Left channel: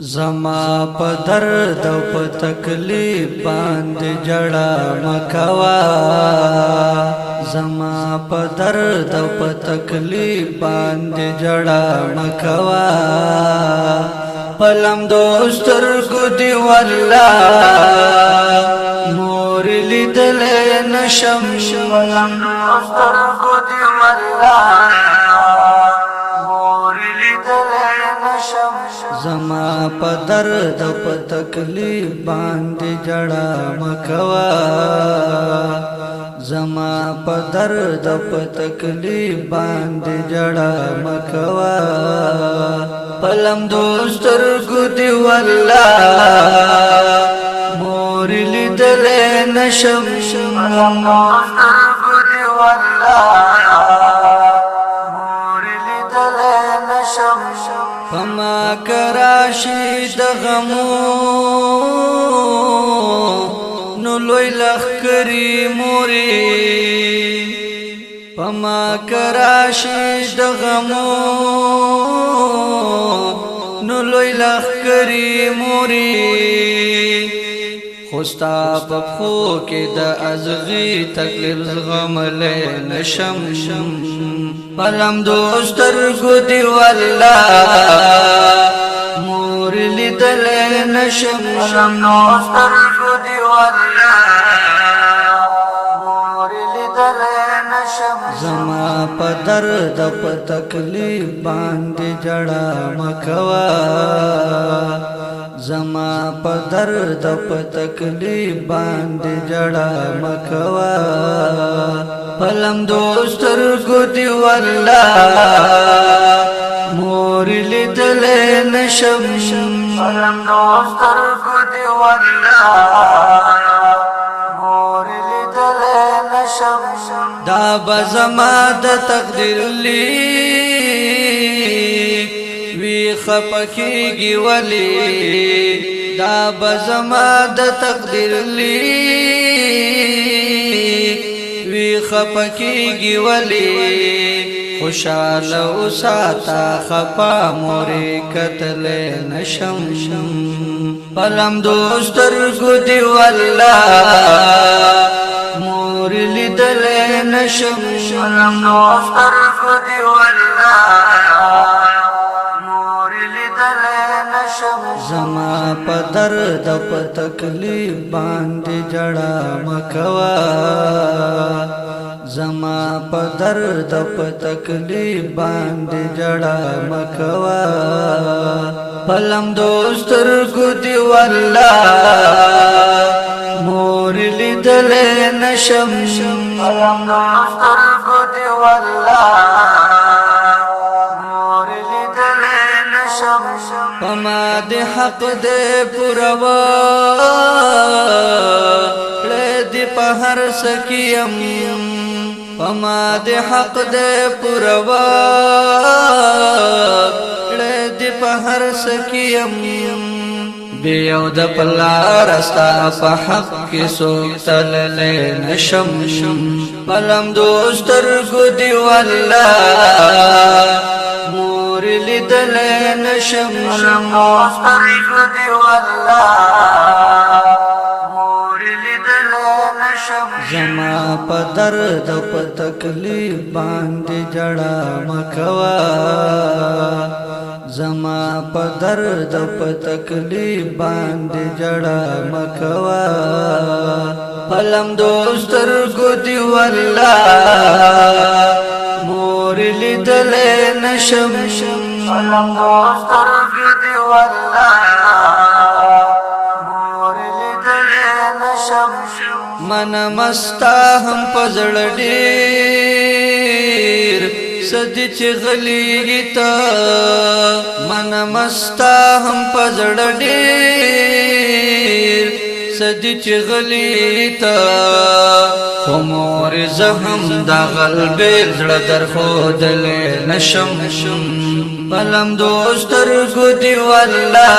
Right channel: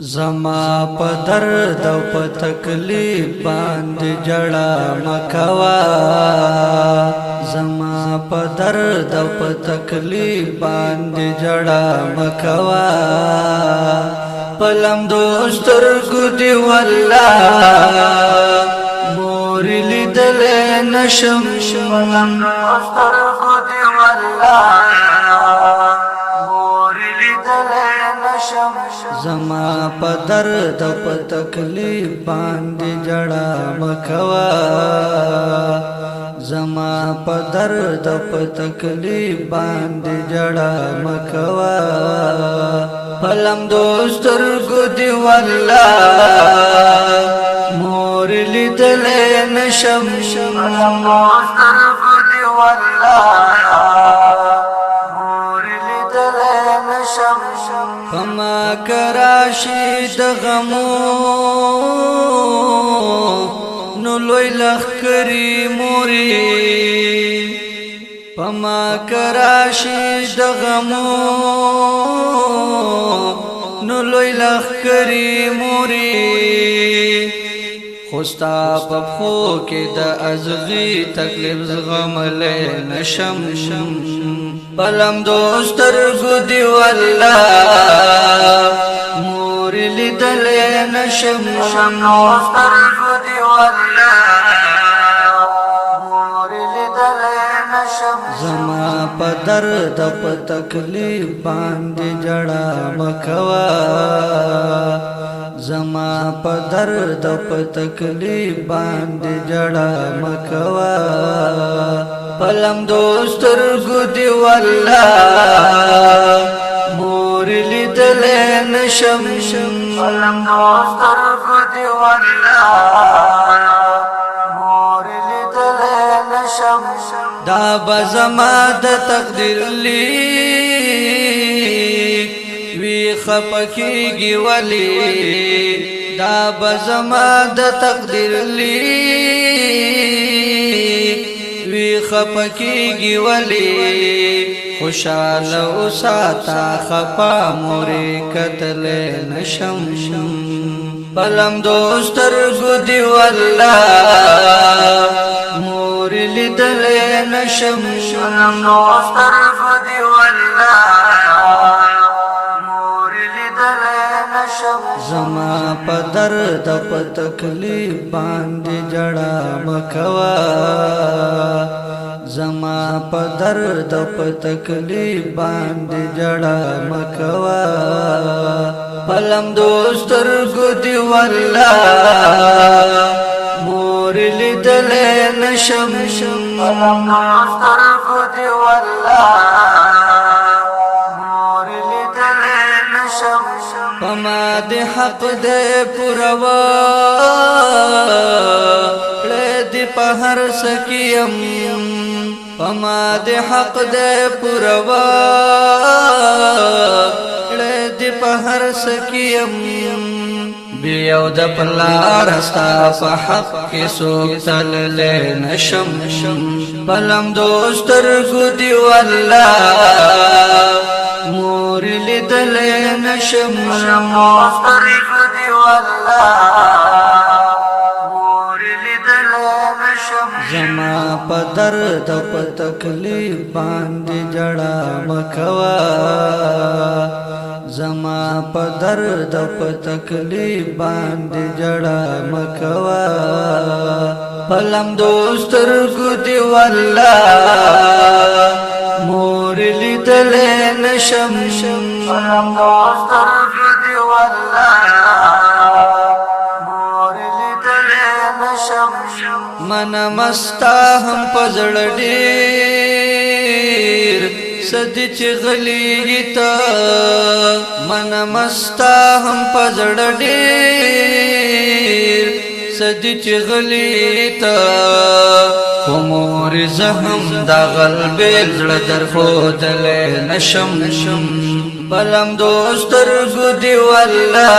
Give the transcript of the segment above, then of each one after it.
زما په درد او په تکلیف باندې جړه مکوا زما په درد او په تکلیف باندې جړه مکوا پلم دوستر کو دی والله مور لیدل نشم پلم دوستر کو دی والله زما په درد او په تکلیف باندې جړه مکوا زما په درد او په تکلیف باندې جړه مکوا پلم دوستر ګدي والله مور لیدل نشم پلم دوستر ګدي والله پما کراشی د غمو نو لوی لخکری موری پما کراشی د غمو نو لوی لخکری موری خوستا پخو کې د ازغي تکلیف زغملې نشم پلم دوستر کو دی والله مور لیدل نشم دوستر کو دی والله مور لیدل نشم زما په درد په تکلیف باندې جړه مکوا زما په درد په تکلیف باندې جړه مکوا پلم دوستر ګدي والله مور لیدل نشم پلم دوستر ګدي والله مور لیدل نشم دا بزما د تقدیر لیک وی خپکیږي ولی دا بزما د تقدیر لیک وی خپکیږي ولی خوشاله اوساتا خپا مورې کتل نشم پلم دوستر ګدي والله مور لیدل نشم پلم دوستر ګدي والله زما په درد او په تکلیف باندې جړه مکوا زما په درد او په تکلیف باندې جړه مکوا پلم دوستر ګدي والله مور لیدل نشم پلم دوستر ګدي والله پما دې حق دې پروا لدی په هر سکیم پما دې حق دې پروا لدی په هر سکیم بیو د پلار استا په حق کې سوکتل نشم پلم دوستر ګدي والله مور لیدل نشم دوستر ګدي والله مور لیدل نشم زما په درد او په تکلیف باندې جړه مکوا زما په درد او په تکلیف باندې جړه مکوا پلم دوستر ګدي والله مور لیدل نشم پلم دوستر ګدي والله مور لیدل نشم من مستا هم پزړ ډیر سدي چې غليږي تا من مستا هم پزړ ډیر سدي چې غلي تا کومور زهم دا قلب زړه در خودل نشم پلم دوستر ګدي والله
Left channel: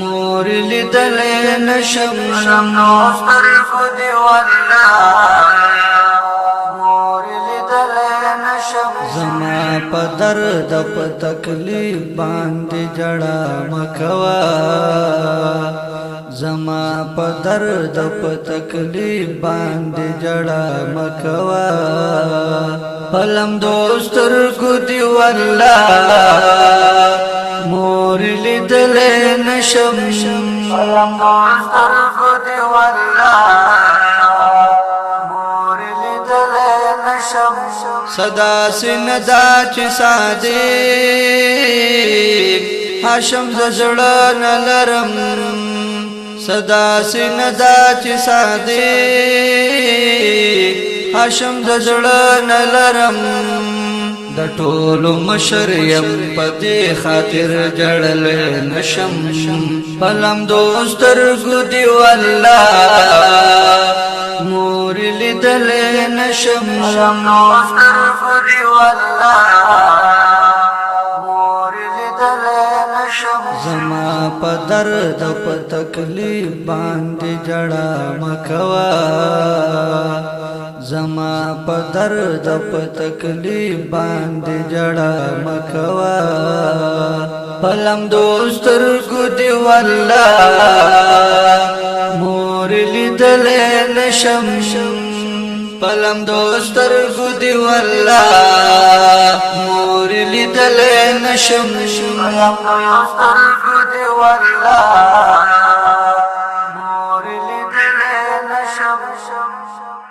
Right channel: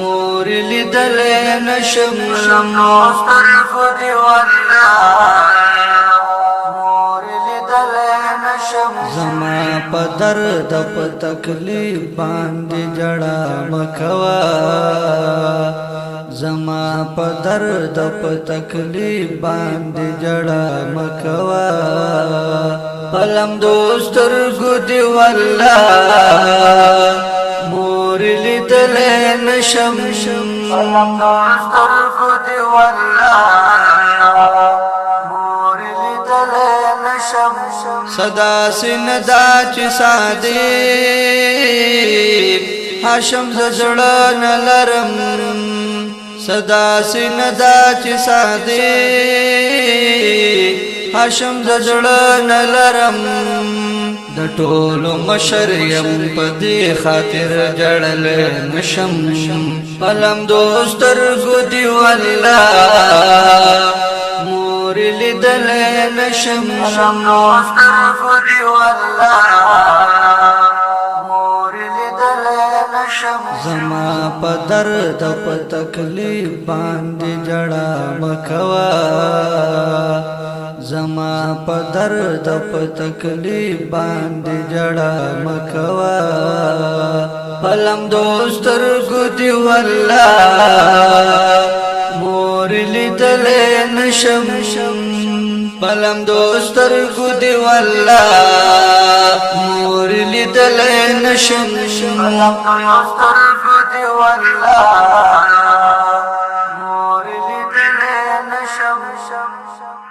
مور لیدل نشم دوستر ګدي والله مور لیدل نشم زما په درد په تکلیف باندې جړا مکوا زما په درد په تکلیف باندې جړا مکوا پلم دوستر کو دی والله مور لیدل نشم پلم دوستر کو دی والله صدا سندا چی صادق حاشم ززڑا نلرم صدا سندا چی صادق حاشم ززڑا نلرم د ټولو مشریم پدې خاطر جړل نشم پلم دوستر کو دی والله مور لیدل نشم دوستر کو دی والله مور لیدل نشم زما په درد په تکلیف باندې جړا مکوا زما په درد په تکلیف باندې جړا مکوا پلم دوستر کو دی والله مور لیدل نشم پلم دوستر کو دی والله مور لیدل نشم پلم دوستر کو دی والله